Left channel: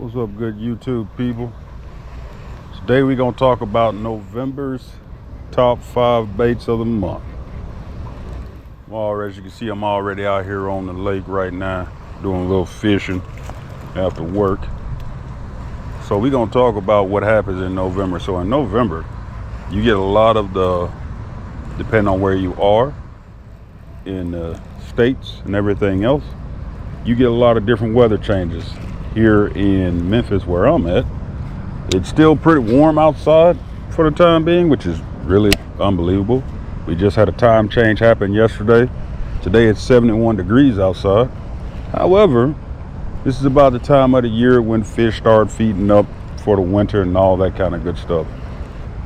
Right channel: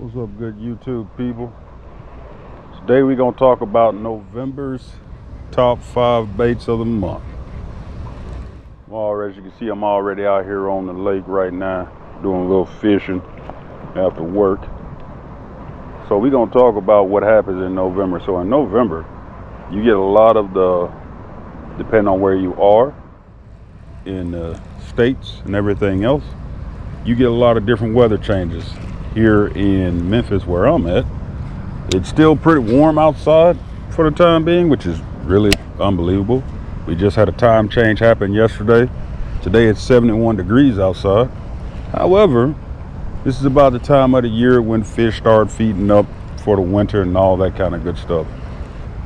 What's up, good YouTube people? Today we're going to talk about November's top 5 baits of the month. Well, as you can see, I'm already out here on the lake right now doing a little fishing after work. So we're going to talk about what happens in November. So in November, you get a lot of depending on where you are in the states and everything else, you get a lot of different weather changes. Here in Memphis, where I'm at, it's still pretty warm outside for the time being, which is really unbelievable. We just had a time change happen yesterday. Today it's 71 degrees outside. However, this is about the time of the year when fish start feeding up for the winter and all that kind of good stuff.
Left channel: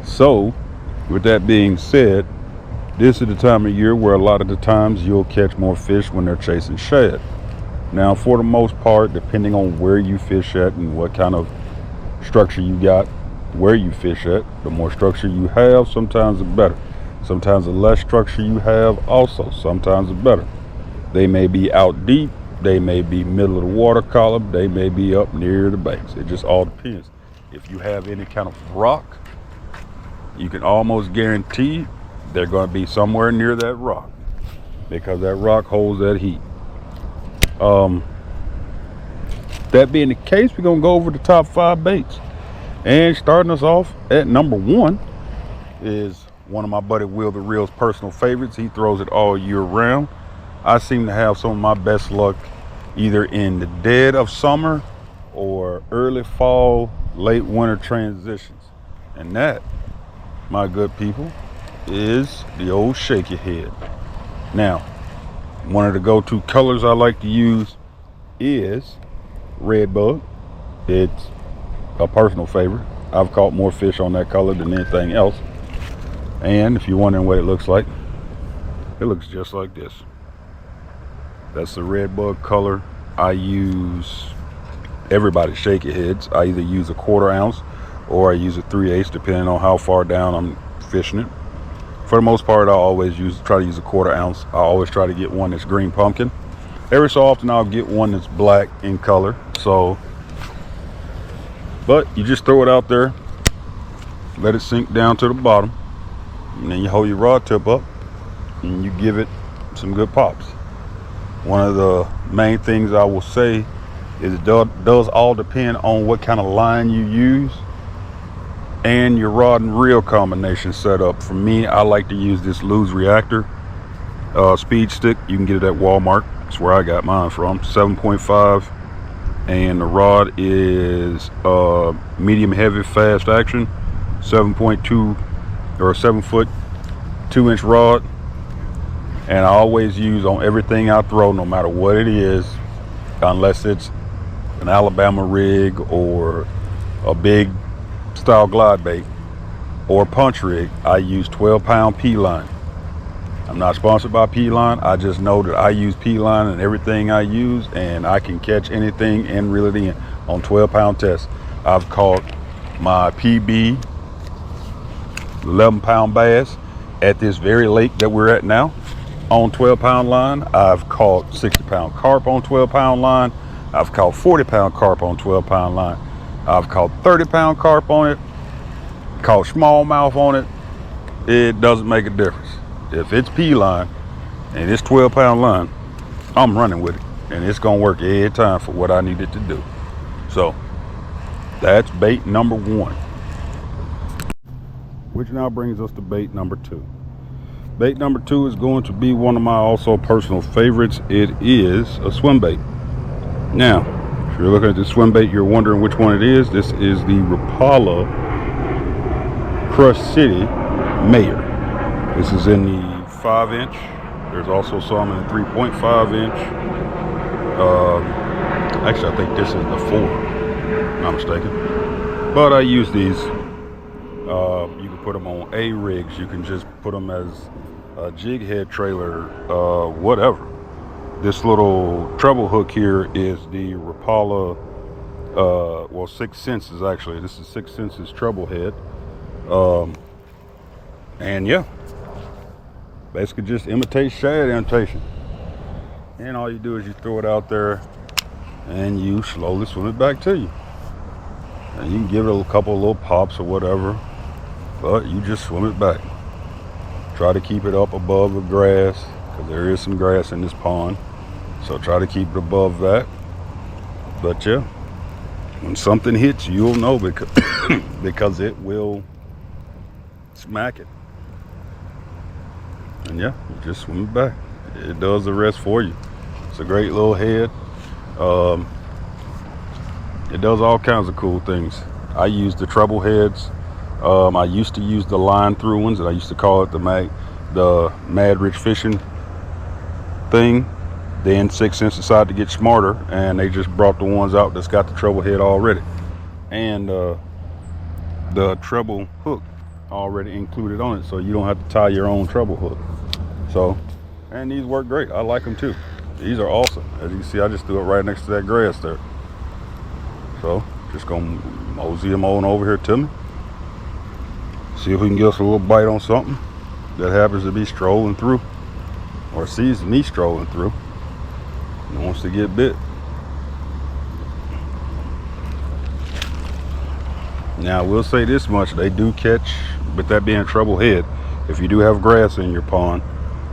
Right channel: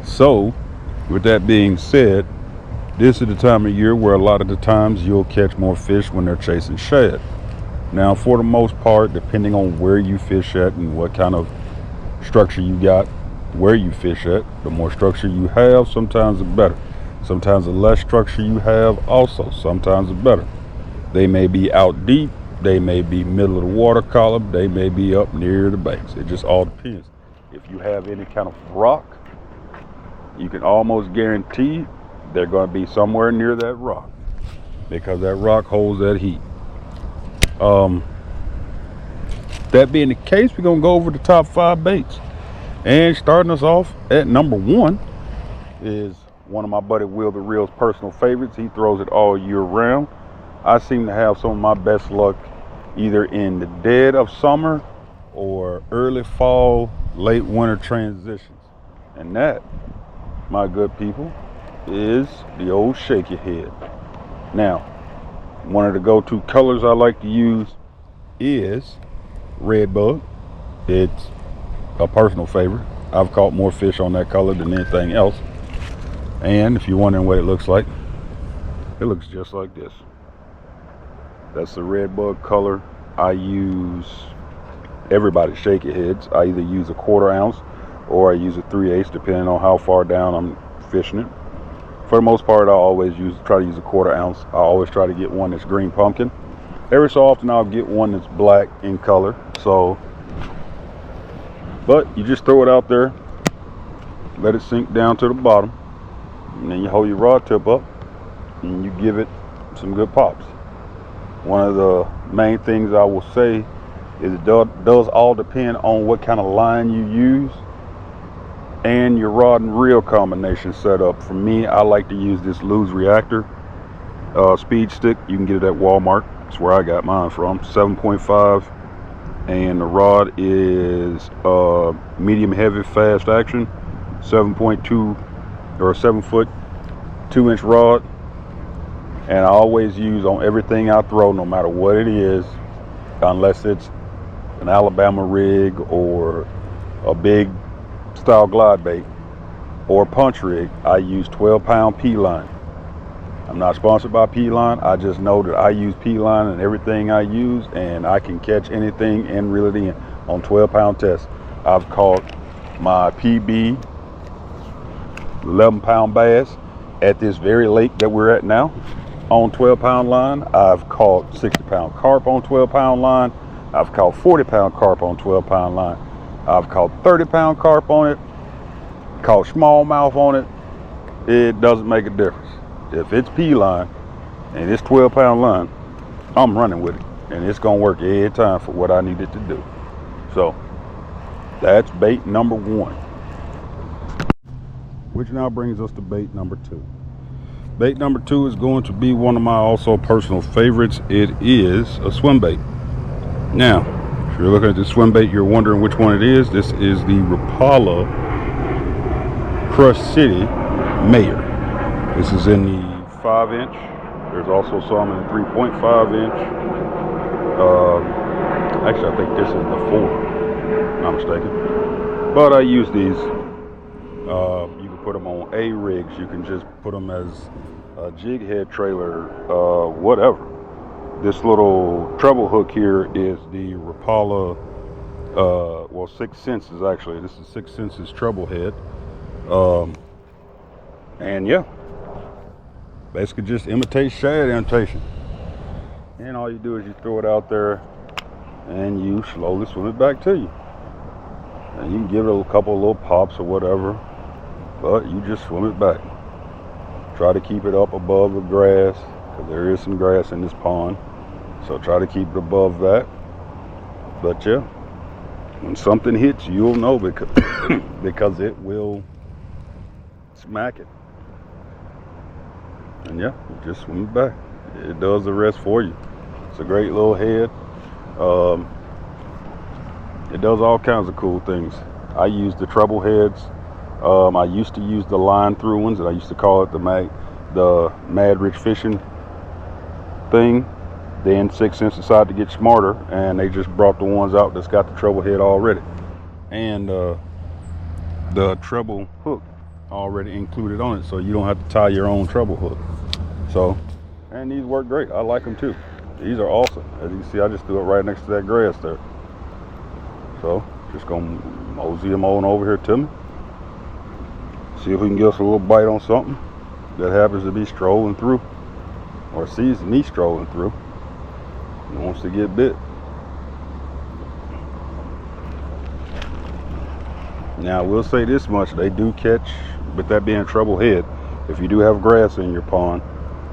So, with that being said, this is the time of year where a lot of the times you'll catch more fish when they're chasing shad. Now, for the most part, depending on where you fish at and what kind of structure you got, where you fish at, the more structure you have, sometimes the better. Sometimes the less structure you have, also, sometimes the better. They may be out deep, they may be middle of the water column, they may be up near the banks. It just all depends. If you have any kind of rock, you can almost guarantee they're going to be somewhere near that rock because that rock holds that heat. That being the case, we're gonna go over the top 5 baits, and starting us off at number 1 is one of my buddy Will the Real's personal favorites. He throws it all year round. I seem to have some of my best luck either in the dead of summer or early fall, late winter transitions, and that, my good people, is the old shaky head. Now, one of the go-to colors I like to use is Redbug. It's a personal favorite. I've caught more fish on that color than anything else. And if you're wondering what it looks like, it looks just like this. That's the Redbug color. I use everybody's shaky heads. I either use a 1/4 ounce or I use a 3/8 depending on how far down I'm fishing it. For the most part, I always try to use a 1/4 ounce. I always try to get one that's green pumpkin. Every so often I'll get one that's black in color. But you just throw it out there, let it sink down to the bottom, and then you hold your rod tip up and you give it some good pops. One of the main things I will say is it does all depend on what kind of line you use and your rod and reel combination setup. For me, I like to use this Lew's Reactor speed stick. You can get it at Walmart. That's where I got mine from. 7.5, and the rod is medium heavy fast action, 7.2 or 7-foot 2-inch rod. And I always use on everything I throw, no matter what it is, unless it's an Alabama rig or a big style glide bait or punch rig, I use 12-pound P-line. I'm not sponsored by P-line. I just know that I use P-line in everything I use, and I can catch anything and reel it in on 12-pound tests. I've caught my PB 11-pound bass at this very lake that we're at now on 12-pound line. I've caught 60-pound carp on 12-pound line. I've caught 40-pound carp on 12-pound line. I've caught 30-pound carp on it, caught smallmouth on it. It doesn't make a difference. If it's P-line and it's 12-pound line, I'm running with it, and it's gonna work every time for what I need it to do. So that's bait number 1, which now brings us to bait number 2. Bait number 2 is going to be one of my also personal favorites. It is a swim bait. Now, if you're looking at the swim bait, you're wondering which one it is. This is the Rapala Crush City Mayor. This is in the 5-inch. There's also some in the 3.5-inch. Actually, I think this is the 4, if I'm not mistaken. But I use these. You can put them on A rigs. You can just put them as a jig head trailer, whatever. This little treble hook here is the Rapala, 6 Senses actually. This is 6 Senses treble head. And yeah, basically just imitate shad imitation. And all you do is you throw it out there and you slowly swim it back to you. and you can give it a couple of little pops or whatever, but you just swim it back. Try to keep it up above the grass, because there is some grass in this pond, so try to keep it above that. But yeah, when something hits, you'll know, because because it will smack it. And yeah, just swim it back. It does the rest for you. It's a great little head. It does all kinds of cool things. I use the treble heads. I used to use the line through ones, and I used to call it the Mad Rich Fishing thing. Then 6 Sense decided to get smarter, and they just brought the ones out that's got the treble head already, and the treble hook already included on it, so you don't have to tie your own treble hook. So, and these work great. I like them too. These are awesome. As you can see, I just threw it right next to that grass there. So just gonna mosey them on over here to me. See if we can get us a little bite on something that happens to be strolling through, or sees me strolling through and wants to get bit. Now I will say this much, they do catch, with that being treble head, if you do have grass in your pond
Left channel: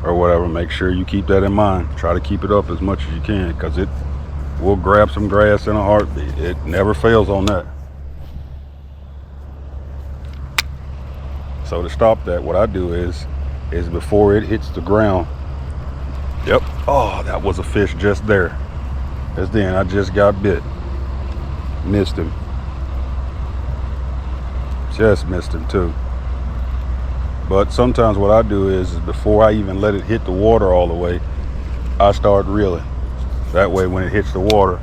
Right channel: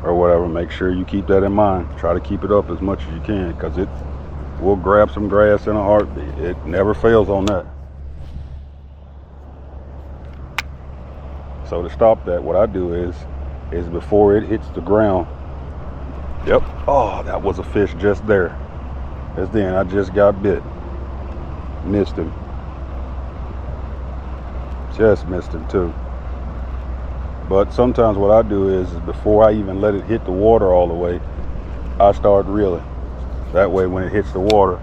or whatever, make sure you keep that in mind. Try to keep it up as much as you can, because it will grab some grass in a heartbeat. It never fails on that. So to stop that, what I do is before it hits the ground, yep, oh, that was a fish just there. Because then I just got bit. Missed him. Just missed him too. But sometimes what I do is before I even let it hit the water all the way, I start reeling. That way when it hits the water,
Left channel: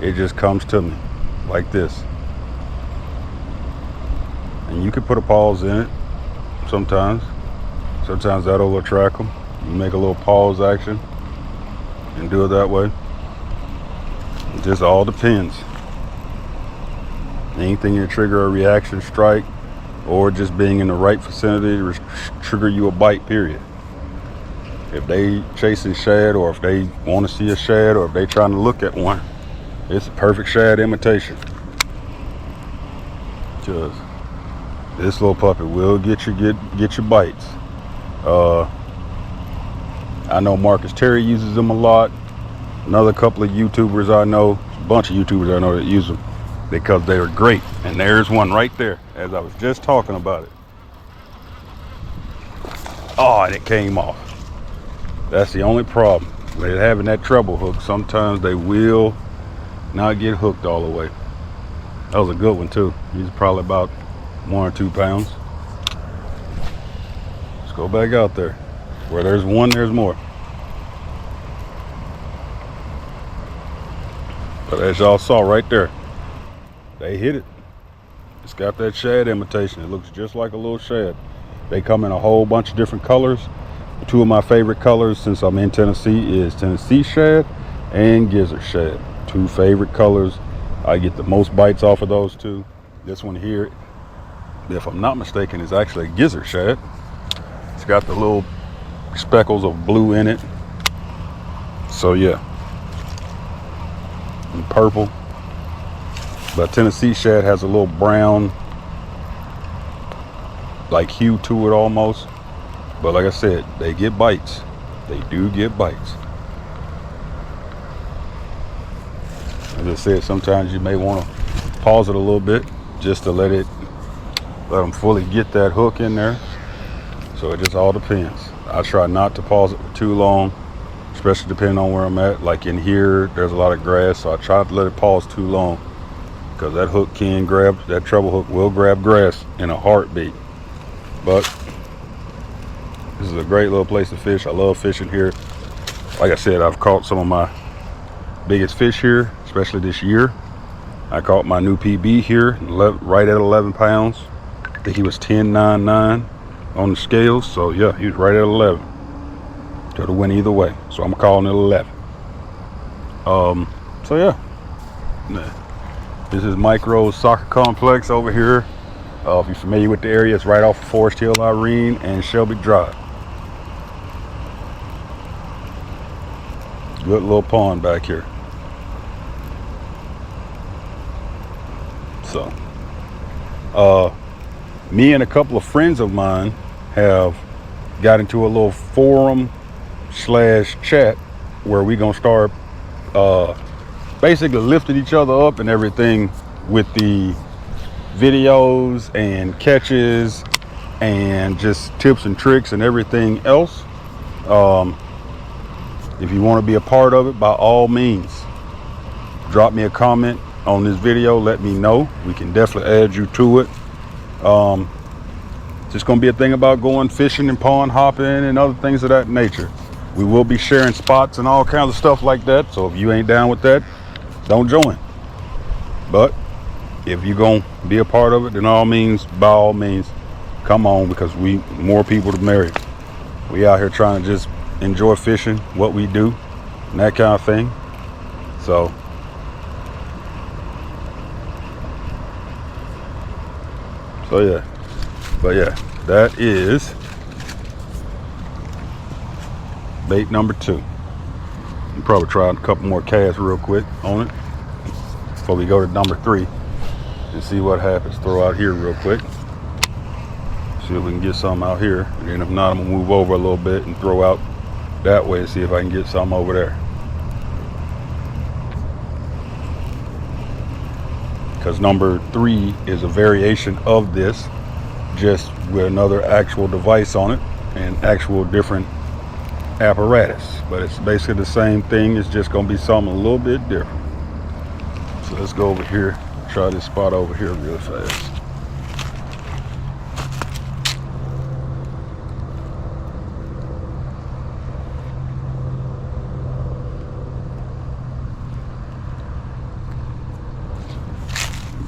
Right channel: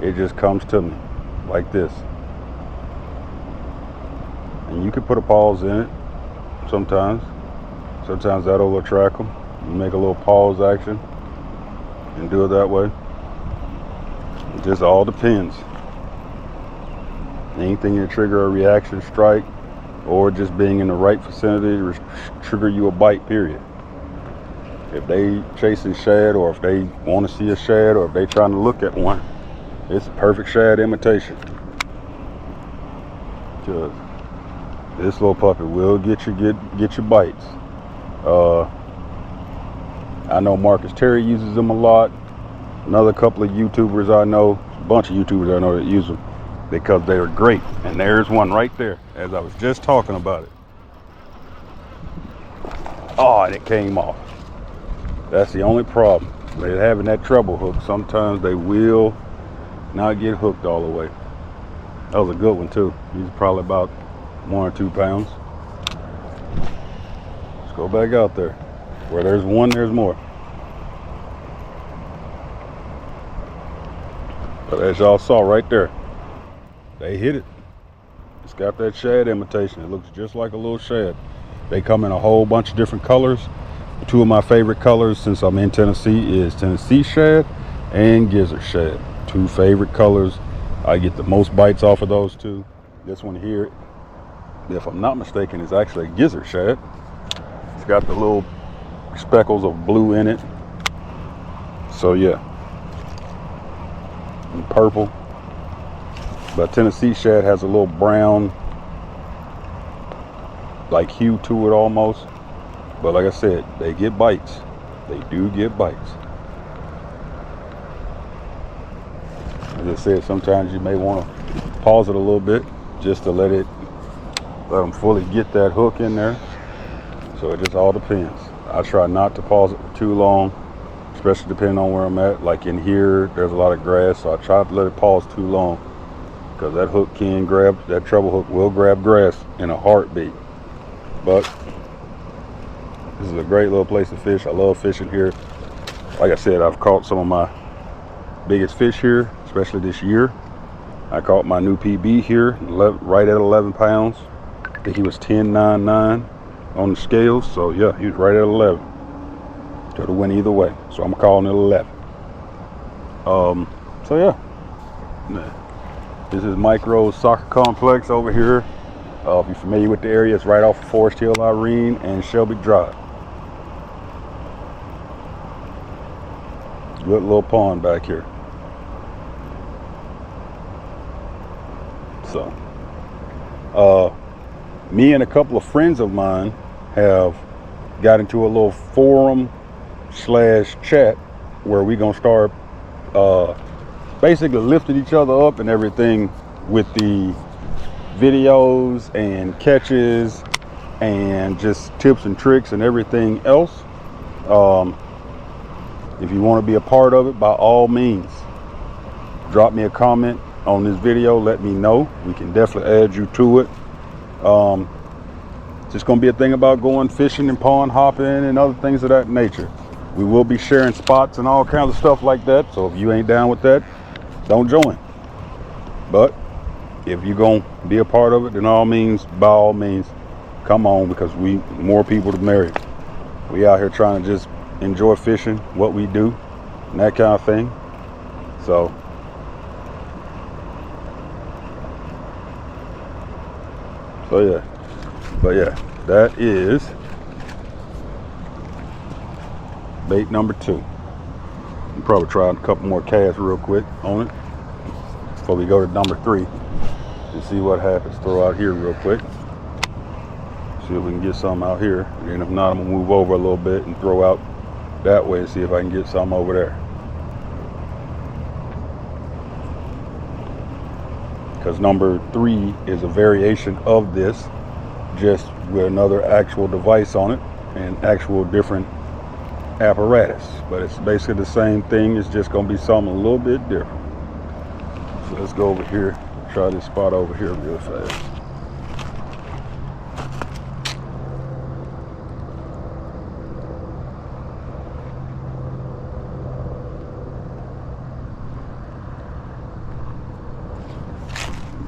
it just comes to me like this. And you can put a pause in it sometimes. Sometimes that'll attract them. You make a little pause action and do it that way. It just all depends. Anything to trigger a reaction strike, or just being in the right vicinity to trigger you a bite, period. If they chasing shad, or if they want to see a shad, or if they trying to look at one, it's a perfect shad imitation. Just this little puppy will get your bites. I know Marcus Terry uses them a lot. Another couple of YouTubers I know, a bunch of YouTubers I know that use them, because they are great. And there's one right there, as I was just talking about it. Oh, and it came off. That's the only problem with having that treble hook. Sometimes they will not get hooked all the way. That was a good one too. He's probably about 1 or 2 pounds. Let's go back out there. Where there's one, there's more. But as y'all saw right there, they hit it. It's got that shad imitation. It looks just like a little shad. They come in a whole bunch of different colors. 2 of my favorite colors since I'm in Tennessee is Tennessee shad and gizzard shad. 2 favorite colors. I get the most bites off of those 2. This one here, if I'm not mistaken, is actually a gizzard shad. It's got the little speckles of blue in it. So yeah. And purple. But Tennessee shad has a little brown like hue to it almost. But like I said, they get bites. They do get bites. As I said, sometimes you may want to pause it a little bit just to let them fully get that hook in there. So it just all depends. I try not to pause it for too long, especially depending on where I'm at. Like in here, there's a lot of grass, so I try to let it pause too long, because that hook can grab, that treble hook will grab grass in a heartbeat. But this is a great little place to fish. I love fishing here. Like I said, I've caught some of my biggest fish here, especially this year. I caught my new PB here, right at 11 pounds. I think he was 10.99 on the scales. So yeah, he was right at 11. Could have went either way. So I'm calling it 11. So yeah. This is Mike Rose Soccer Complex over here. If you're familiar with the area, it's right off of Forest Hill, Irene, and Shelby Drive. Good little pond back here. So me and a couple of friends of mine have got into a little forum slash chat where we gonna start basically lifting each other up and everything with the videos and catches and just tips and tricks and everything else. If you want to be a part of it, by all means, drop me a comment on this video. Let me know. We can definitely add you to it. Just gonna be a thing about going fishing and pond hopping and other things of that nature. We will be sharing spots and all kinds of stuff like that. So if you ain't down with that, don't join. But if you're gonna be a part of it, then by all means, come on, because we more people to marry. We out here trying to just enjoy fishing, what we do, and that kind of thing. So yeah. But yeah, that is bait number 2. We'll probably try a couple more casts real quick on it before we go to number 3 and see what happens. Throw out here real quick. See if we can get some out here. And then if not, I'm gonna move over a little bit and throw out that way and see if I can get some over there. Because number 3 is a variation of this, just with another actual device on it and actual different apparatus. But it's basically the same thing. It's just gonna be something a little bit different. So let's go over here, try this spot over here real fast.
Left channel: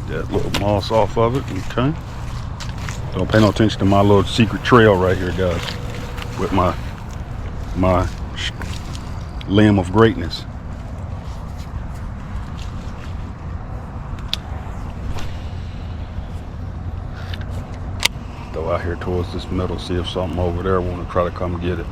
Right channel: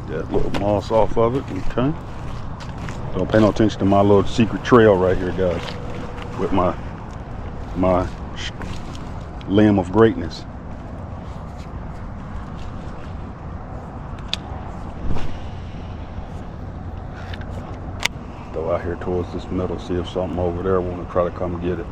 That little moss off of it. Okay. Don't pay no attention to my little secret trail right here, guys, with my limb of greatness. Go out here towards this middle, see if something over there want to try to come get it.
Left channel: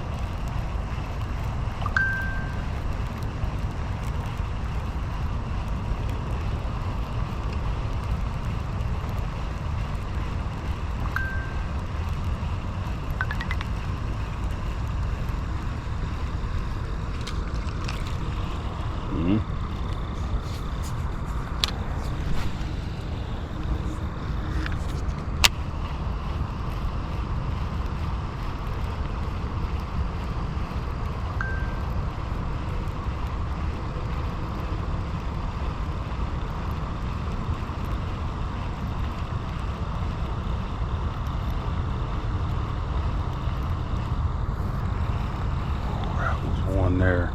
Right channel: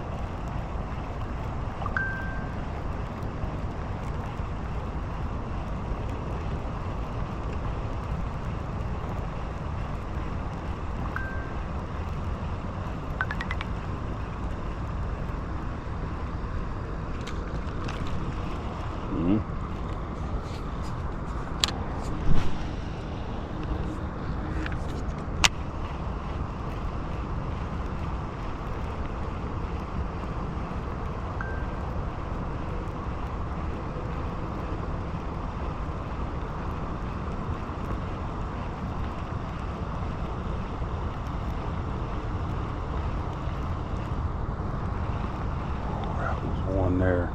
There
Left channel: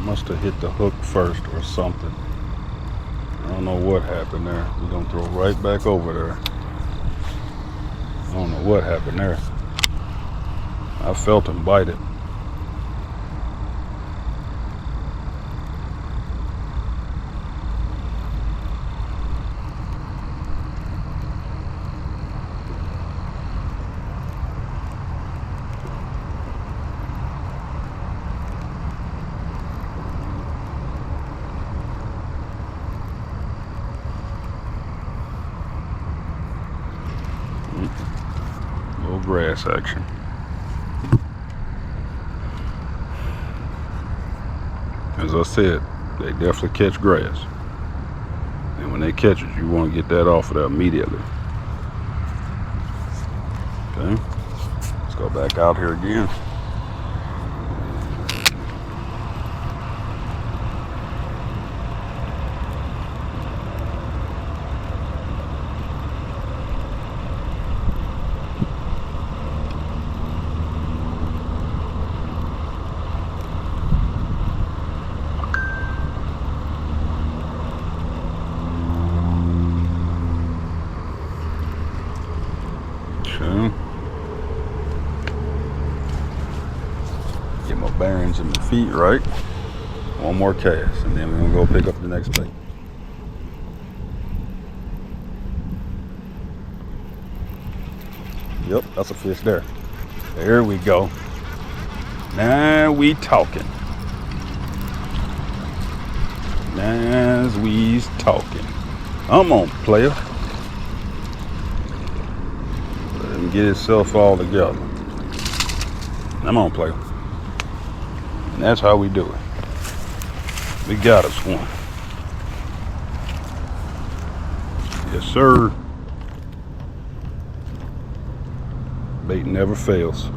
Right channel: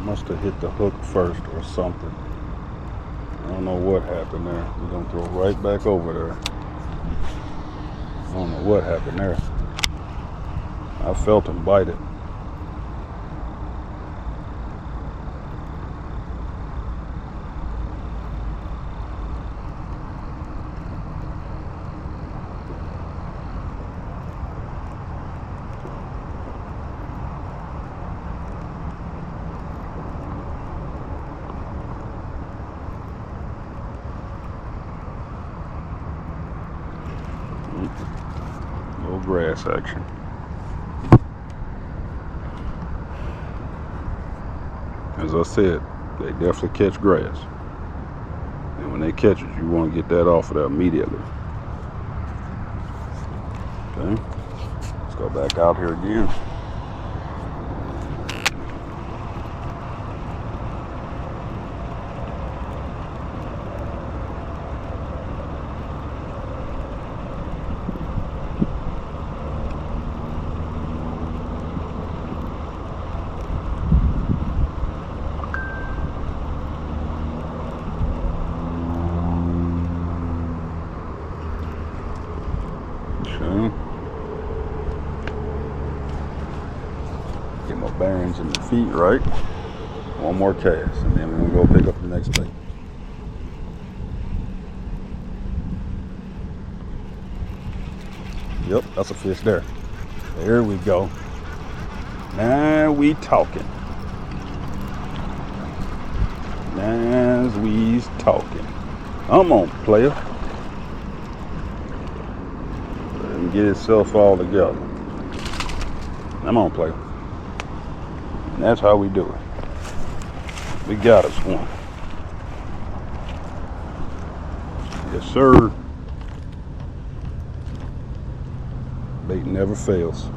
must have hit the hook first or something. I don't know what happened there. We're gonna throw right back over there. I don't know what happened there. I felt him bite it. Little grass action. As I said, they definitely catch grass. And when they catch it, you want to get that off of there immediately. Okay, let's go back out here again. Get my bearings and my feet right. One more cast, and then we're gonna go pick up the next bait. Yep, that's a fish there. There we go. Now we talking. Now we's talking. Come on, player. Let him get himself all together. Come on, player. And that's how we do it. We got us one. Yes, sir. Bait never fails.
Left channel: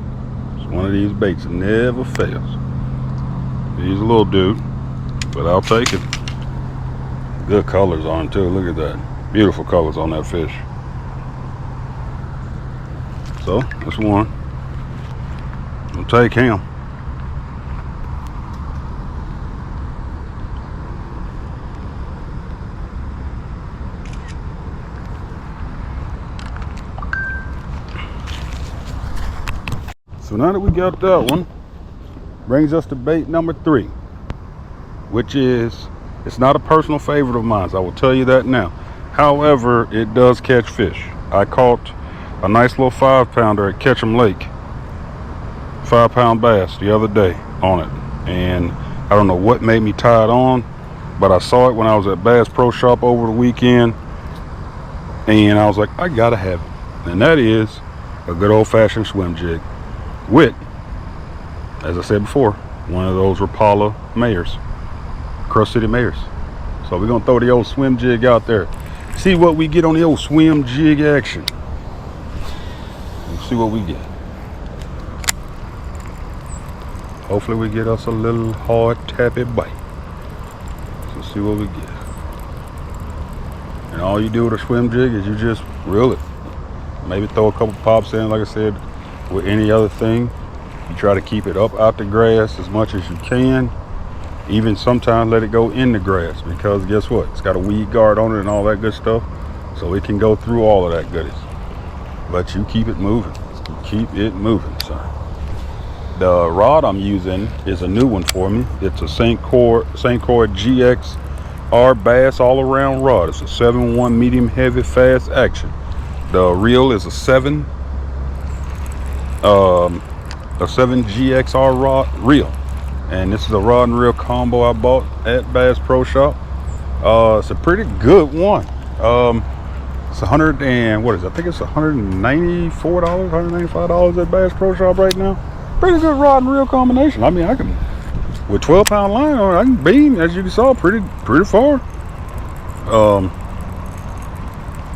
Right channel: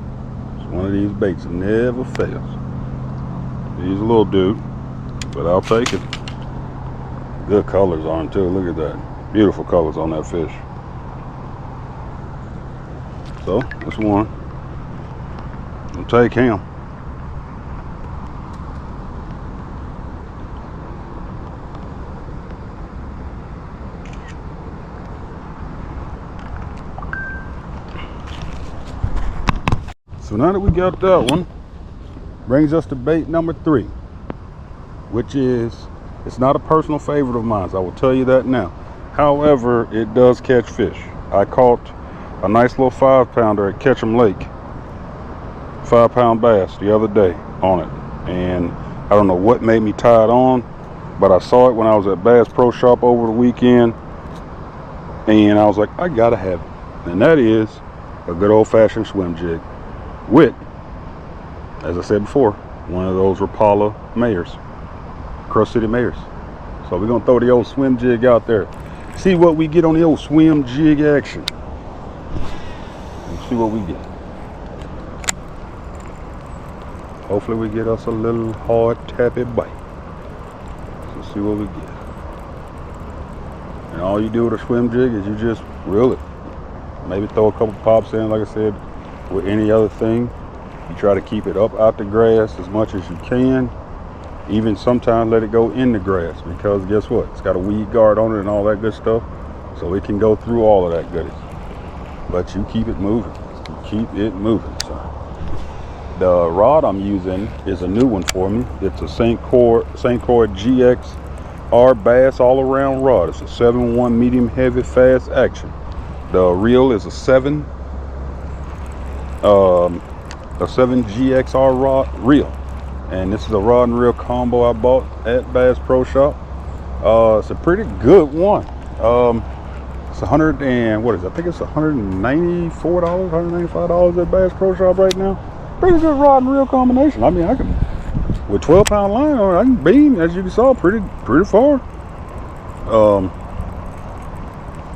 It's one of these baits that never fails. He's a little dude, but I'll take it. Good colors on him too. Look at that. Beautiful colors on that fish. So that's one. I'll take him. So now that we got that one, brings us to bait number 3, which is, it's not a personal favorite of mine, so I will tell you that now. However, it does catch fish. I caught a nice little 5-pounder at Ketchum Lake, 5-pound bass the other day on it. And I don't know what made me tie it on, but I saw it when I was at Bass Pro Shop over the weekend, and I was like, I gotta have it. And that is a good old-fashioned swim jig with, as I said before, one of those Rapala Mayors, Crush City Mayors. So we're gonna throw the old swim jig out there, see what we get on the old swim jig action. Let's see what we get. Hopefully we get us a little hard tappy bite. So see what we get. And all you do with a swim jig is you just reel it. Maybe throw a couple pops in, like I said, with any other thing. You try to keep it up out the grass as much as you can. Even sometimes let it go in the grass, because guess what? It's got a weed guard on it and all that good stuff. So it can go through all of that goodies. But you keep it moving. You keep it moving, son. The rod I'm using is a new one for me. It's a St. Croix GX R Bass all around rod. It's a 7-1 medium heavy fast action. The reel is a 7 GXR rod reel, and this is a rod and reel combo I bought at Bass Pro Shop. It's a pretty good one. It's 100 and what is it? I think it's $194, $195 at Bass Pro Shop right now. Pretty good rod and reel combination. I mean, I can, with 12-pound line on it, I can beam, as you saw, pretty far.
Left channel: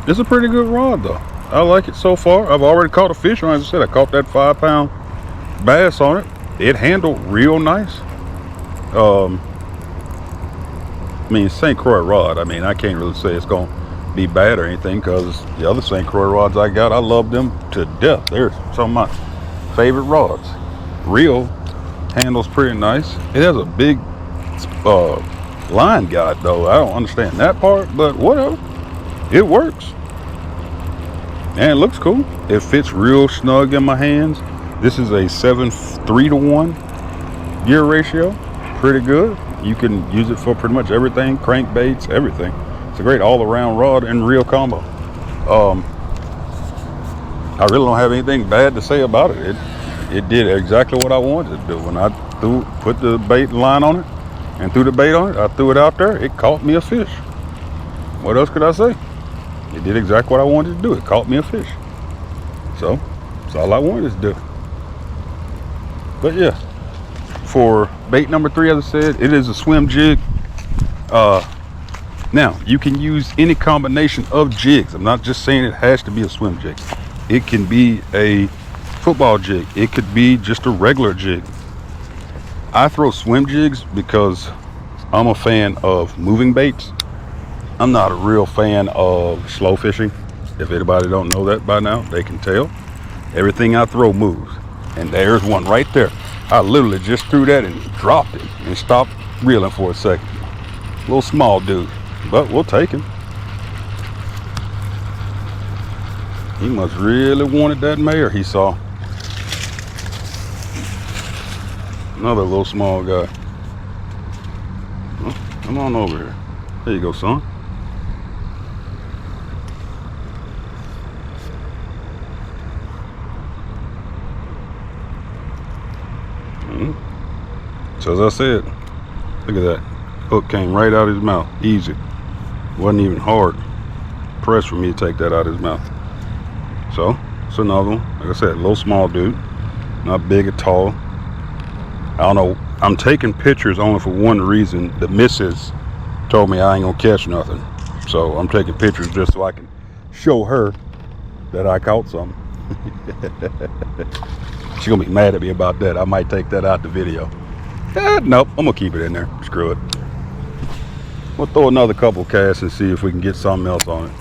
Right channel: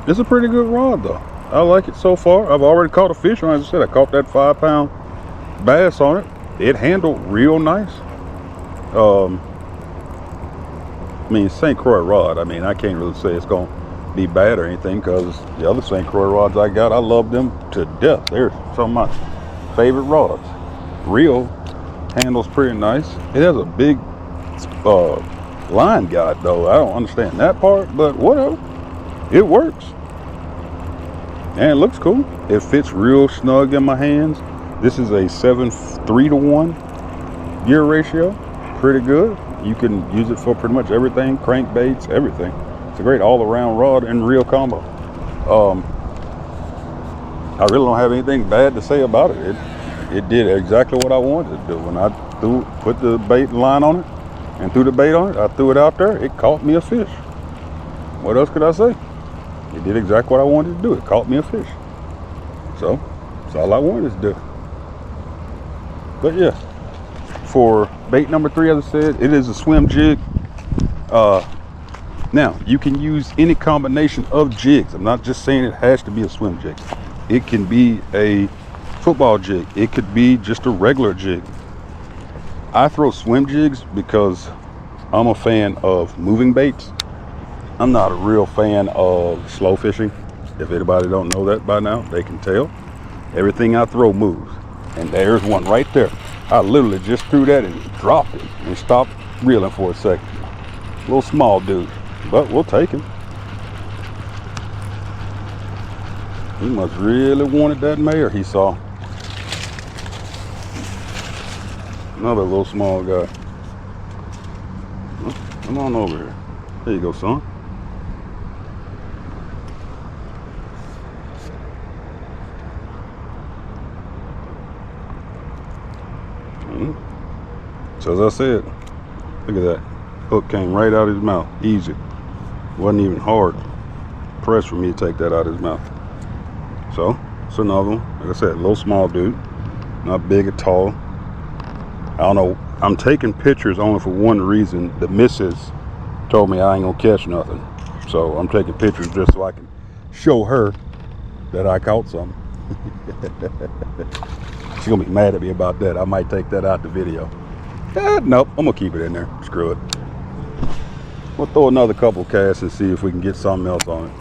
It's a pretty good rod though. I like it so far. I've already caught a fish on it. As I said, I caught that 5-pound bass on it. It handled real nice. I mean, St. Croix rod, I mean, I can't really say it's gonna be bad or anything, because the other St. Croix rods I got, I love them to death. They're some of my favorite rods. Reel handles pretty nice. It has a big line guide though. I don't understand that part, but whatever. It works. And it looks cool. It fits real snug in my hands. This is a 7:3-to-1 gear ratio. Pretty good. You can use it for pretty much everything, crankbaits, everything. It's a great all-around rod and reel combo. I really don't have anything bad to say about it. It did exactly what I wanted to do. When I put the bait line on it and threw the bait on it, I threw it out there, it caught me a fish. What else could I say? It did exactly what I wanted to do. It caught me a fish. So that's all I wanted to do. But yeah, for bait number 3, as I said, it is a swim jig. Now you can use any combination of jigs. I'm not just saying it has to be a swim jig. It can be a football jig. It could be just a regular jig. I throw swim jigs because I'm a fan of moving baits. I'm not a real fan of slow fishing. If anybody don't know that by now, they can tell. Everything I throw moves. And there's one right there. I literally just threw that and dropped it and stopped reeling for a second. Little small dude, but we'll take him. He must really wanted that mare he saw. Another little small guy. Oh, come on over here. There you go, son. So as I said, look at that. Hook came right out of his mouth. Easy. Wasn't even hard. press for me to take that out of his mouth. So it's another one. Like I said, little small dude, not big or tall. I don't know. I'm taking pictures only for one reason. The missus told me I ain't gonna catch nothing, so I'm taking pictures just so I can show her that I caught something. She's gonna be mad at me about that. I might take that out the video. Nope, I'm gonna keep it in there. Screw it. We'll throw another couple casts and see if we can get something else on it.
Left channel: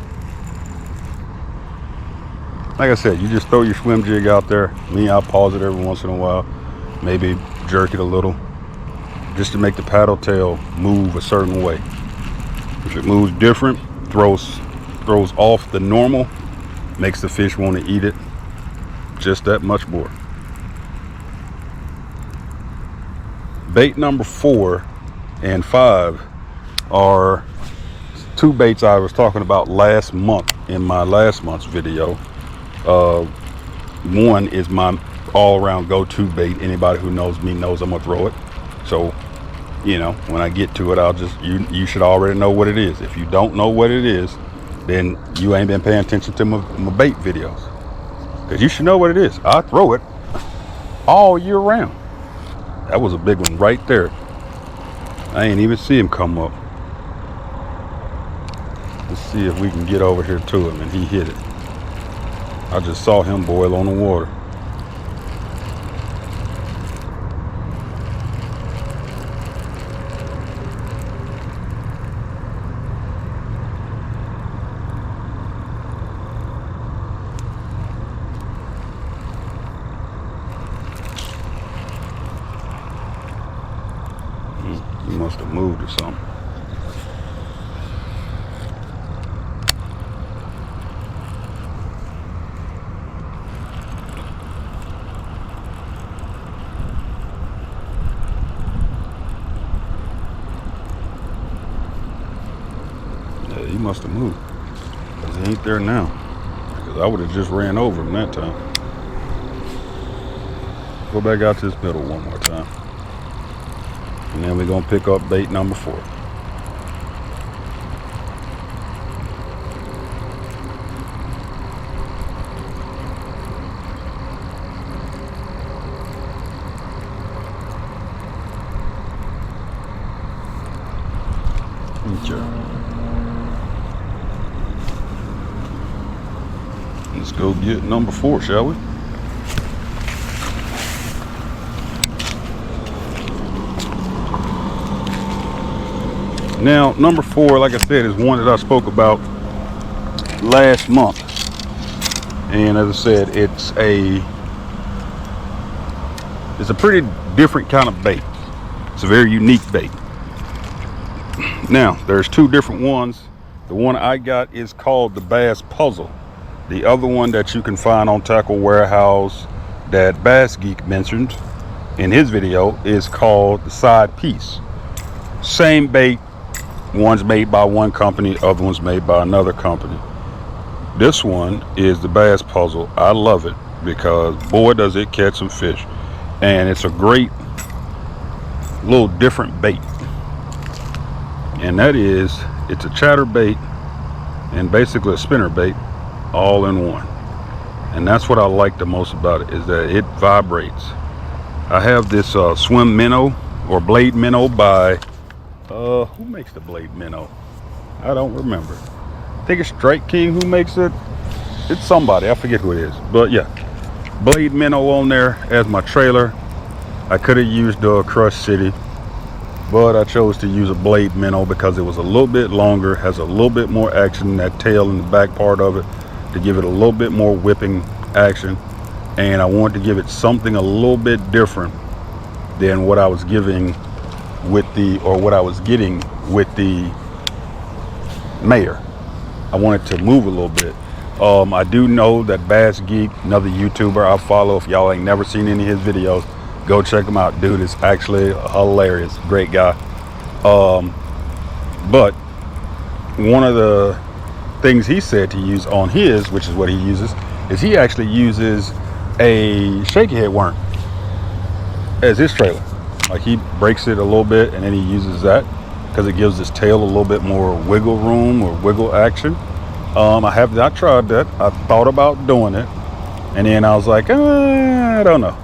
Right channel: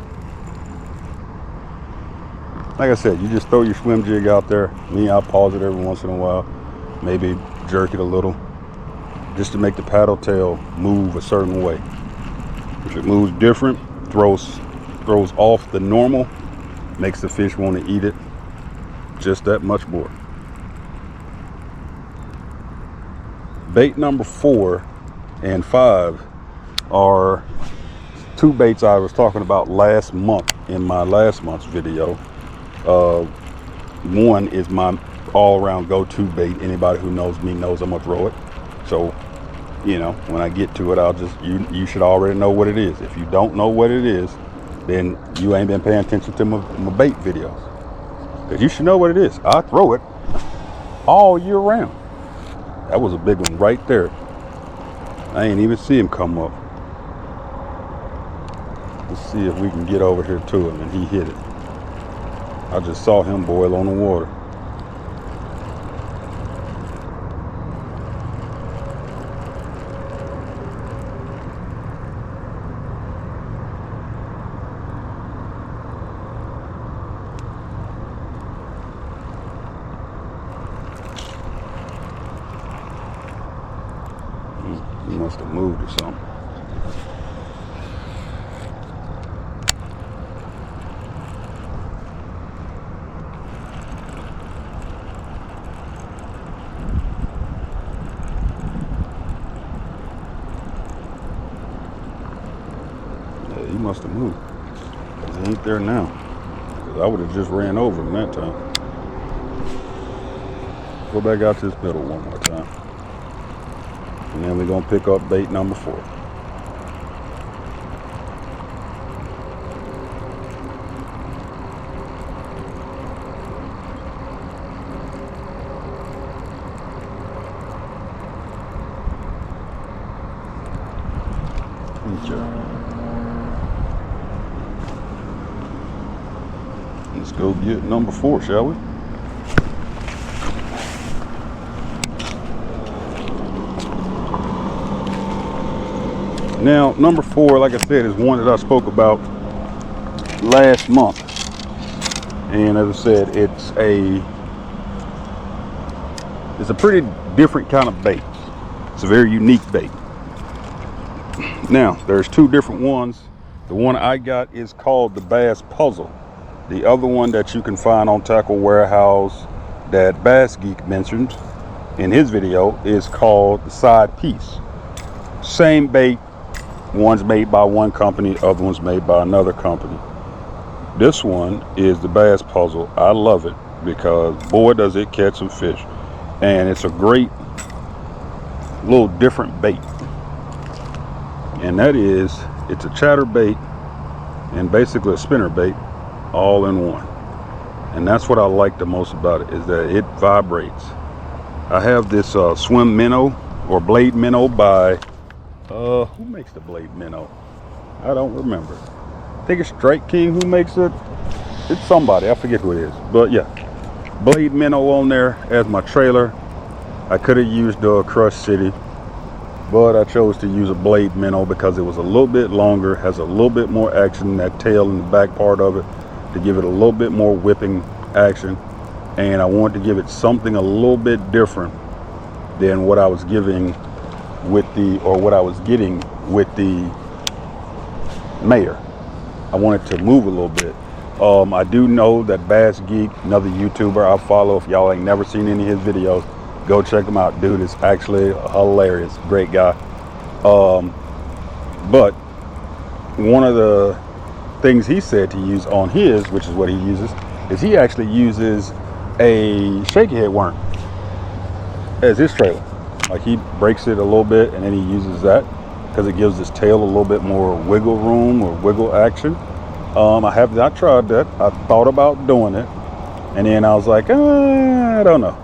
Like I said, you just throw your swim jig out there. I'll pause it every once in a while, maybe jerk it a little, just to make the paddle tail move a certain way. If it moves different, throws off the normal, makes the fish want to eat it just that much more. Bait number 4 and 5 are two baits I was talking about last month in my last month's video. One is my all-around go-to bait. Anybody who knows me knows I'm gonna throw it. So, you know, when I get to it, I'll just, you should already know what it is. If you don't know what it is, then you ain't been paying attention to my bait videos. Because you should know what it is. I throw it all year round. That was a big one right there. I ain't even see him come up. Let's see if we can get over here to him, and he hit it. I just saw him boil on the water. He must have moved or something. Yeah, he must have moved. Because he ain't there now. Because I would have just ran over him that time. Go back out to this middle one more time. And then we're gonna pick up bait number 4. Okay. Let's go get number 4, shall we? Now, number 4, like I said, is one that I spoke about last month. And as I said, it's a pretty different kind of bait. It's a very unique bait. Now, there's 2 different ones. The one I got is called the Bass Puzzle. The other one that you can find on Tackle Warehouse that Bass Geek mentioned in his video is called the Side Piece. Same bait. One's made by one company, other one's made by another company. This one is the Bass Puzzle. I love it because boy does it catch some fish. And it's a great little different bait. And that is, it's a chatter bait and basically a spinner bait all in one. And that's what I like the most about it, is that it vibrates. I have this swim minnow or blade minnow by who makes the blade minnow? I don't remember. I think it's Strike King who makes it. It's somebody, I forget who it is. But yeah, blade minnow on there as my trailer. I could have used Crush City, but I chose to use a blade minnow because it was a little bit longer, has a little bit more action, that tail in the back part of it, to give it a little bit more whipping action. And I wanted to give it something a little bit different than what I was giving with the, or what I was getting with the Mayor. I wanted to move a little bit. I do know that Bass Geek, another YouTuber I follow, if y'all ain't never seen any of his videos, go check him out. Dude is actually hilarious, great guy. But one of the things he said to use on his, which is what he uses, is he actually uses a shaky head worm as his trailer. Like, he breaks it a little bit and then he uses that because it gives his tail a little bit more wiggle room or wiggle action. I have not tried that. I thought about doing it, and then I was like, I don't know.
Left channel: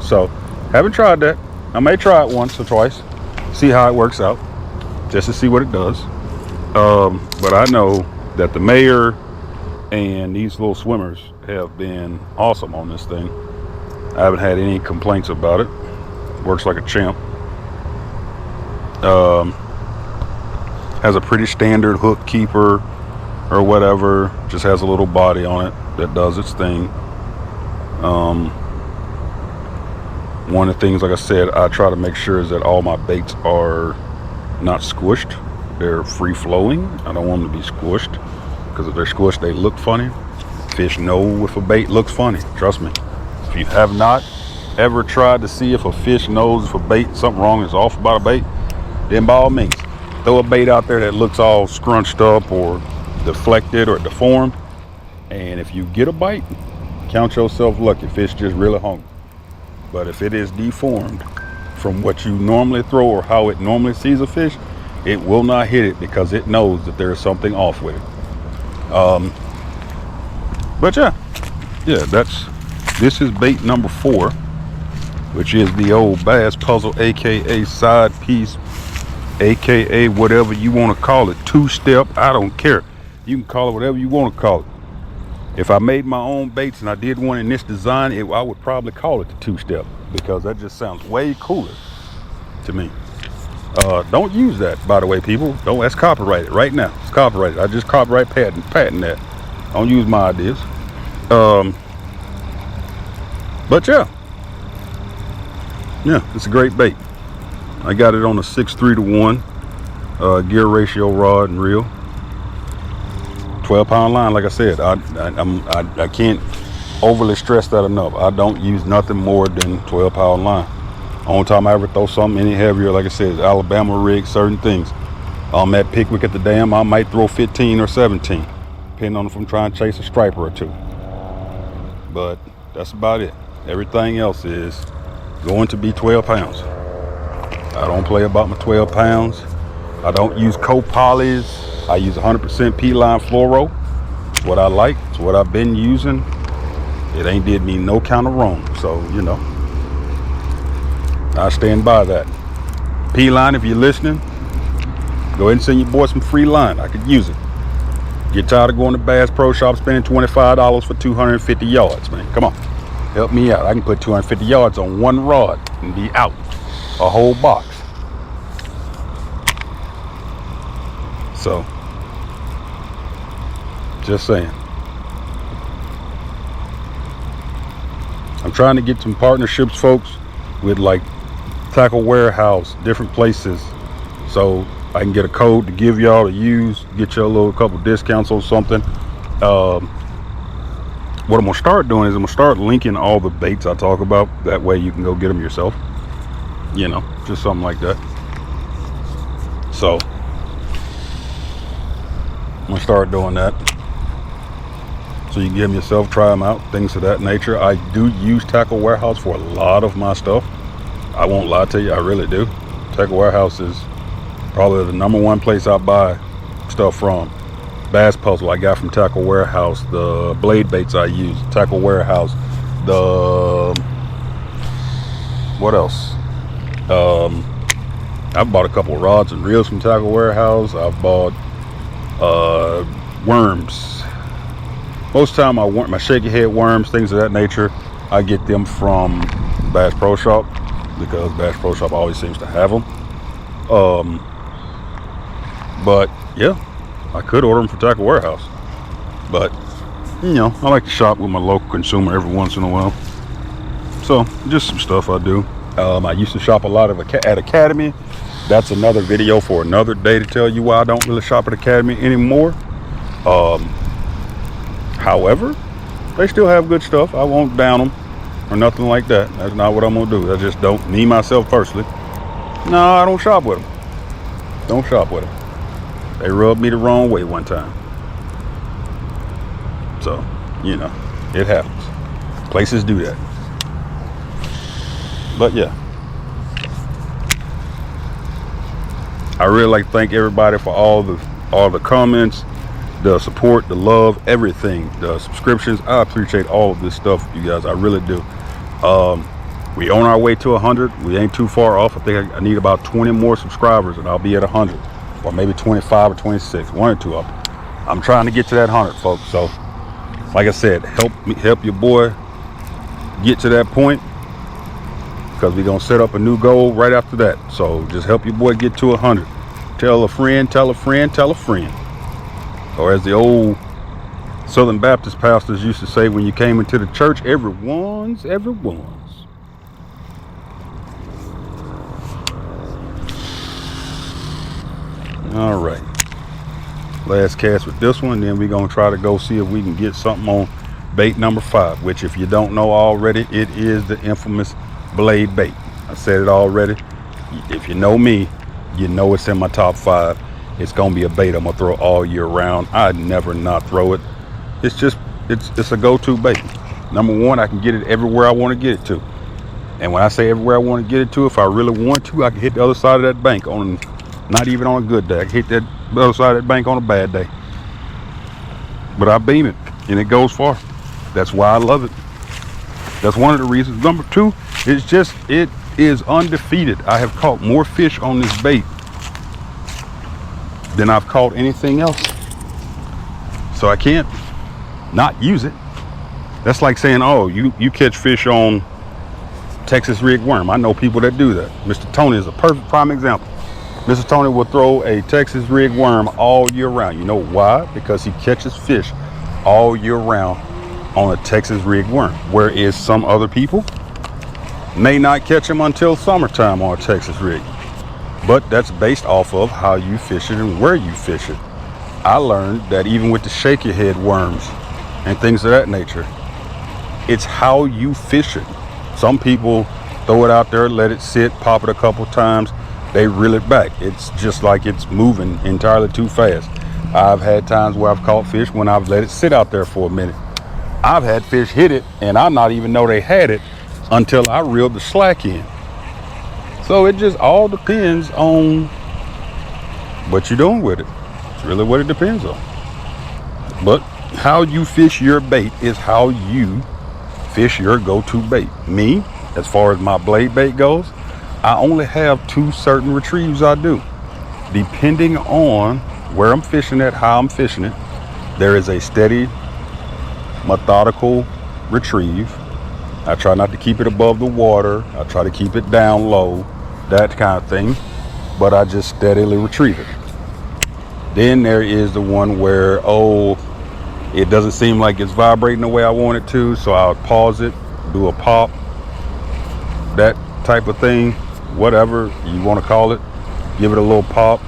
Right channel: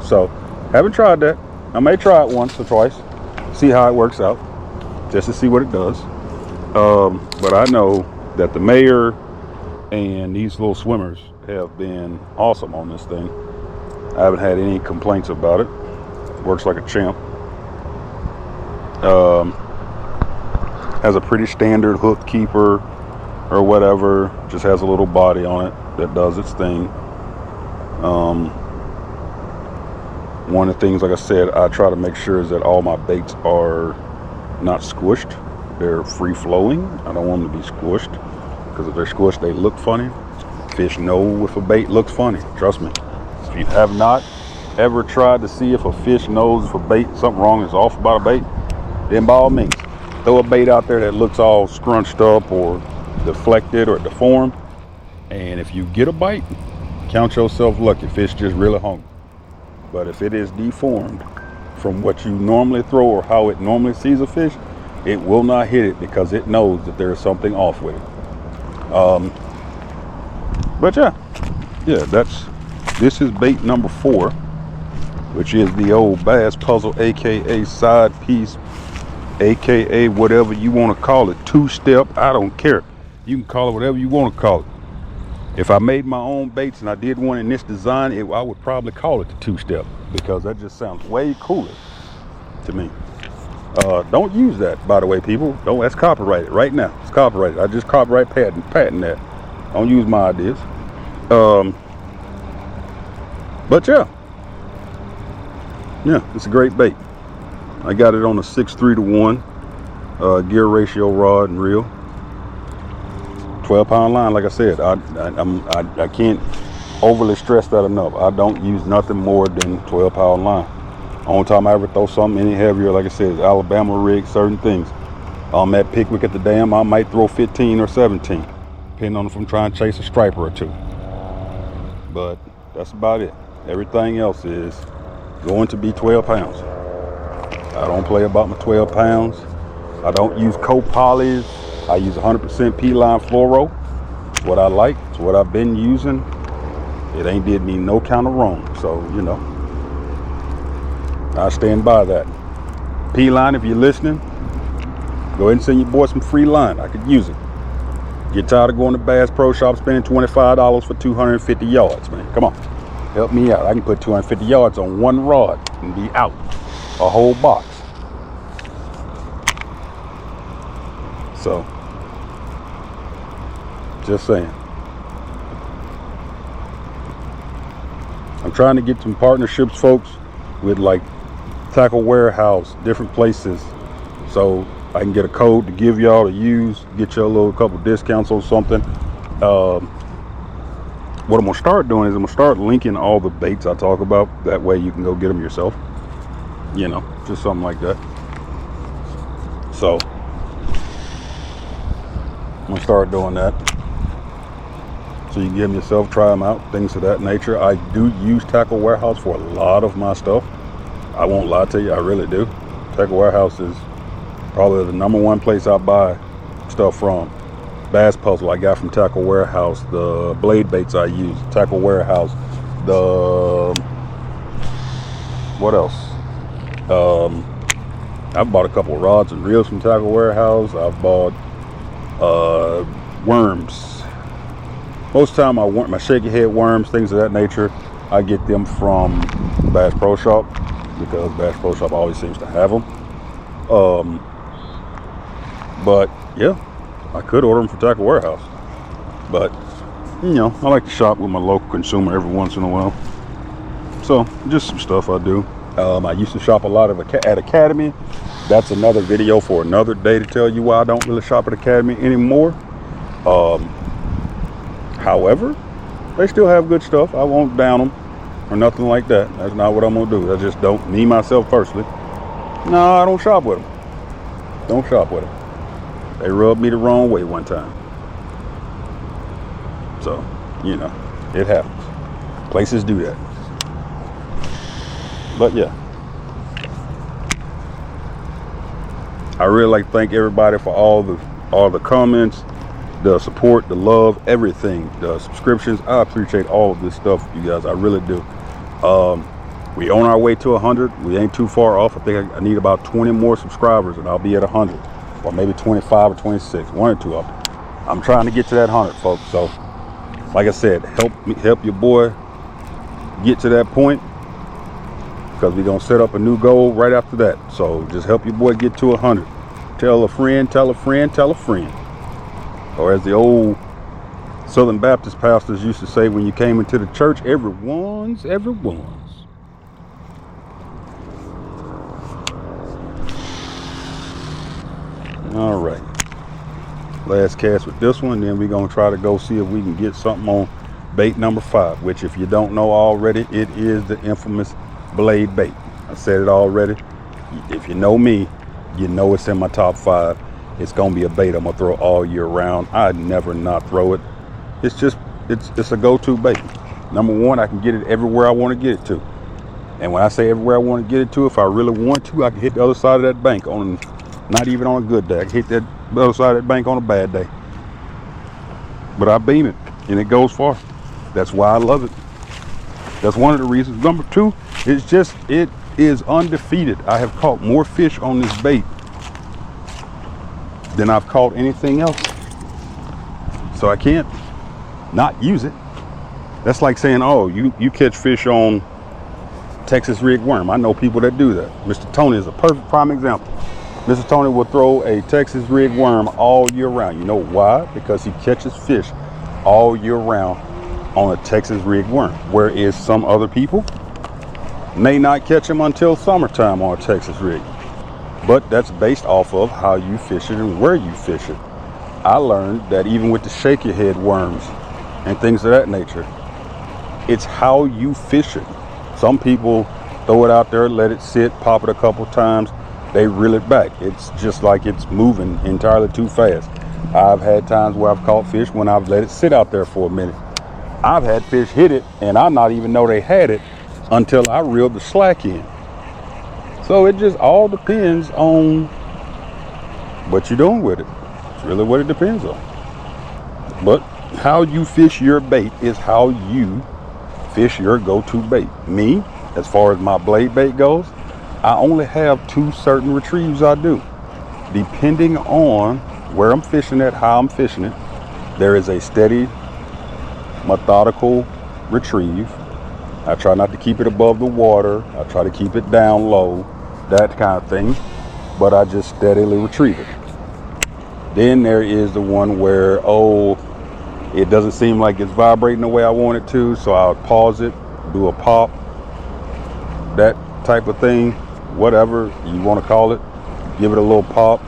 So, haven't tried that. I may try it once or twice, see how it works out, just to see what it does. But I know that the mayor and these little swimmers have been awesome on this thing. I haven't had any complaints about it. Works like a champ. Has a pretty standard hook keeper or whatever. Just has a little body on it that does its thing. One of the things, like I said, I try to make sure is that all my baits are not squished. They're free flowing. I don't want them to be squished, because if they're squished, they look funny. Fish know if a bait looks funny. Trust me. If you have not ever tried to see if a fish knows if a bait, something wrong is off about a bait, then by all means, throw a bait out there that looks all scrunched up or deflected or deformed. And if you get a bite, count yourself lucky. Fish just really hungry. But if it is deformed from what you normally throw or how it normally sees a fish, it will not hit it, because it knows that there is something off with it. But yeah, this is bait number 4, which is the old bass puzzle, aka side piece, aka whatever you want to call it, 2-step. I don't care. You can call it whatever you want to call it. If I made my own baits and I did one in this design, I would probably call it the 2-step, because that just sounds way cooler to me. Don't use that, by the way, people. Don't. That's copyrighted right now. It's copyrighted. I just copyright patent that. Don't use my ideas. But yeah, it's a great bait. I got it on a 6:3 to 1 gear ratio rod and reel. 12-pound line. Like I said, I can't overly stress that enough. I don't use nothing more than 12-pound line. Only time I ever throw something any heavier, like I said, Alabama rig, certain things. At Pickwick at the dam, I might throw 15 or 17, depending on if I'm trying to chase a striper or two. But that's about it. Everything else is going to be 12 pounds. I don't play about my 12 pounds. I don't use co-polys. I use 100% P-line fluoro. It's what I like. It's what I've been using. It ain't did me no kind of wrong. So, I stand by that. P-line, if you're listening, go ahead and send your boy some free line. I could use it. Get tired of going to Bass Pro Shop spending $25 for 250 yards, man. Come on. Help me out. I can put 250 yards on one rod and be out. A whole box. So, just saying. I'm trying to get some partnerships, folks, with like Tackle Warehouse, different places, so I can get a code to give y'all to use, get you a little couple discounts or something. What I'm gonna start doing is I'm gonna start linking all the baits I talk about. That way you can go get them yourself. Just something like that. So I'm gonna start doing that, so you can get them yourself, try them out, things of that nature. I do use Tackle Warehouse for a lot of my stuff. I won't lie to you, I really do. Tackle Warehouse is probably the #1 place I buy stuff from. Bass Puzzle I got from Tackle Warehouse. The blade baits I use, Tackle Warehouse. What else? I've bought a couple of rods and reels from Tackle Warehouse. I've bought worms. Most of the time my shaky head worms, things of that nature, I get them from Bass Pro Shop, because Bass Pro Shop always seems to have them. But yeah, I could order them from Tackle Warehouse, but I like to shop with my local consumer every once in a while. So just some stuff I do. I used to shop a lot at Academy. That's another video for another day to tell you why I don't really shop at Academy anymore. However, they still have good stuff. I won't down them or nothing like that. That's not what I'm gonna do. I just don't, me myself personally, no, I don't shop with them. Don't shop with them. They rubbed me the wrong way one time. So, it happens. Places do that. But yeah, I really like to thank everybody for all the comments, the support, the love, everything, the subscriptions. I appreciate all of this stuff, you guys. I really do. We on our way to 100. We ain't too far off. I think I need about 20 more subscribers and I'll be at 100, or maybe 25 or 26, one or two of them. I'm trying to get to that 100, folks. So like I said, help your boy get to that point, because we're gonna set up a new goal right after that. So just help your boy get to 100. Tell a friend, tell a friend, tell a friend. Or as the old Southern Baptist pastors used to say when you came into the church, everyone's. All right, last cast with this one, then we're gonna try to go see if we can get something on bait number 5, which, if you don't know already, it is the infamous blade bait. I said it already. If you know me, you know it's in my top 5. It's gonna be a bait I'm gonna throw all year round. I never not throw it. It's just it's a go-to bait. Number one, I can get it everywhere I want to get it to. And when I say everywhere I want to get it to, if I really want to, I can hit the other side of that bank on, not even on a good day. I can hit that other side of that bank on a bad day. But I beam it and it goes far. That's why I love it. That's one of the reasons. Number 2, it's just, it is undefeated. I have caught more fish on this bait than I've caught anything else. So I can't not use it. That's like saying, oh, you catch fish on Texas rig worm. I know people that do that. Mr. Tony is a perfect prime example. Mr. Tony will throw a Texas rig worm all year round. You know why? Because he catches fish all year round on a Texas rig worm, whereas some other people may not catch them until summertime on a Texas rig. But that's based off of how you fish it and where you fish it. I learned that even with the shaky head worms and things of that nature, it's how you fish it. Some people throw it out there, let it sit, pop it a couple times, they reel it back. It's just like it's moving entirely too fast. I've had times where I've caught fish when I've let it sit out there for a minute. I've had fish hit it and I not even know they had it until I reeled the slack in. So it just all depends on what you're doing with it. It's really what it depends on. But how you fish your bait is how you fish your go-to bait. Me, as far as my blade bait goes, I only have 2 certain retrieves I do. Depending on where I'm fishing at, how I'm fishing it, there is a steady, methodical retrieve. I try not to keep it above the water. I try to keep it down low, that kind of thing. But I just steadily retrieve it. Then there is the one where, it doesn't seem like it's vibrating the way I want it to, so I'll pause it, do a pop, that type of thing, whatever you want to call it, give it a little pop.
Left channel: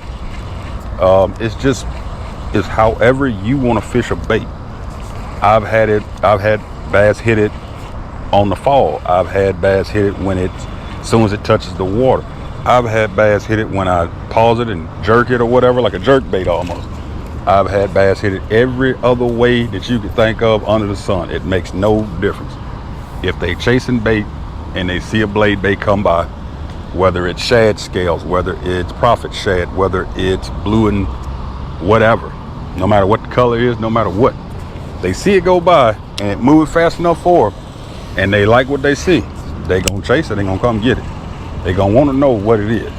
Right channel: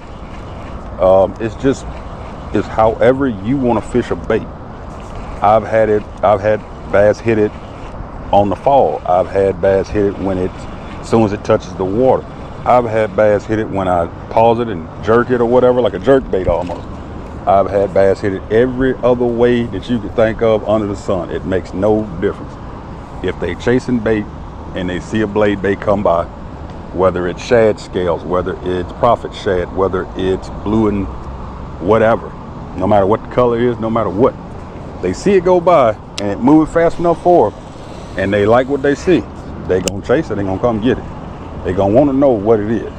It's however you want to fish a bait. I've had bass hit it on the fall. I've had bass hit it when as soon as it touches the water. I've had bass hit it when I pause it and jerk it or whatever, like a jerk bait almost. I've had bass hit it every other way that you could think of under the sun. It makes no difference. If they chasing bait and they see a blade bait come by, whether it's shad scales, whether it's prophet shad, whether it's blue and whatever, no matter what the color is, no matter what, they see it go by and it moving fast enough for them, and they like what they see, they gonna chase it, they gonna come get it. They gonna want to know what it is.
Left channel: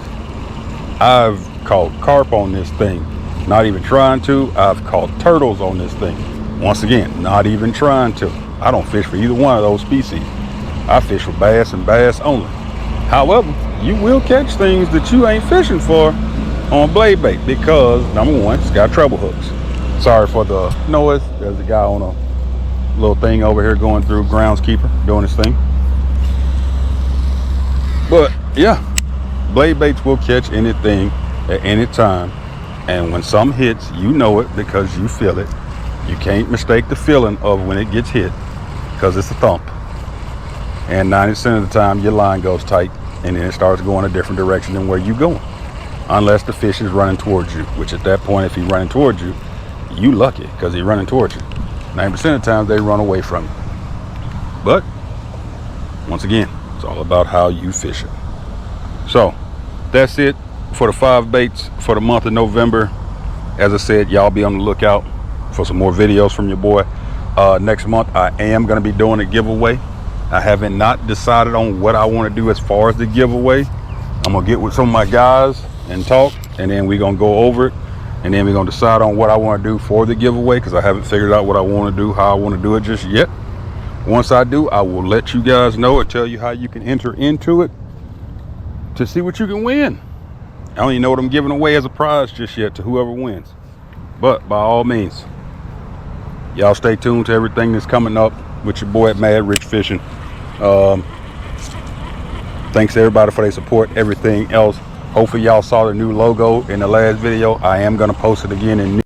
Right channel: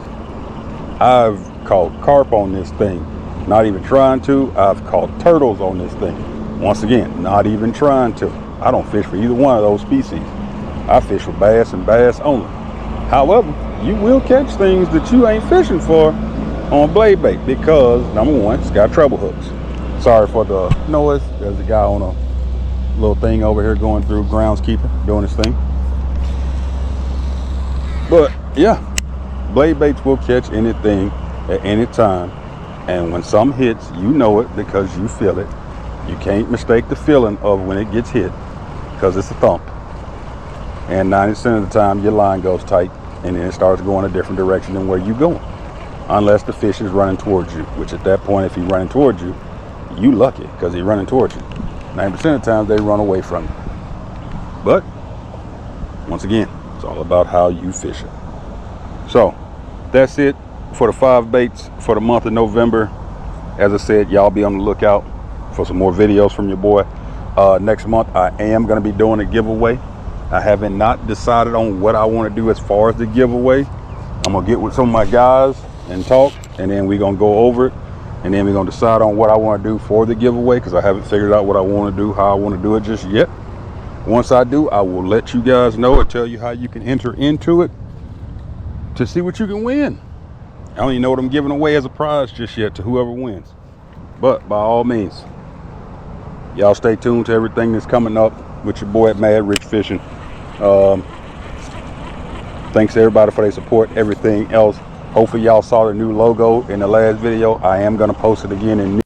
I've caught carp on this thing, not even trying to. I've caught turtles on this thing, once again, not even trying to. I don't fish for either one of those species. I fish for bass and bass only. However, you will catch things that you ain't fishing for on blade bait, because number one, it's got treble hooks. Sorry for the noise. There's a guy on a little thing over here going through, groundskeeper doing his thing. But yeah, blade baits will catch anything at any time, and when some hits, you know it because you feel it. You can't mistake the feeling of when it gets hit, because it's a thump. And 90% of the time your line goes tight and then it starts going a different direction than where you're going, unless the fish is running towards you, which at that point, if he's running towards you, you lucky because he's running towards you. 90% of the time they run away from you. But once again, it's all about how you fish it. So that's it for the 5 baits for the month of November. As I said, y'all be on the lookout. for some more videos from your boy. Next month I am going to be doing a giveaway. I haven't not decided on what I want to do as far as the giveaway. I'm gonna get with some of my guys and talk, and then we're gonna go over it, and then we're gonna decide on what I want to do for the giveaway, because I haven't figured out what I want to do, how I want to do it just yet. Once I do, I will let you guys know and tell you how you can enter into it to see what you can win. I don't even know what I'm giving away as a prize just yet to whoever wins, but by all means, y'all stay tuned to everything that's coming up with your boy at Mad Rich Fishing. Thanks to everybody for their support, everything else. Hopefully y'all saw the new logo in the last video. I am going to post it again in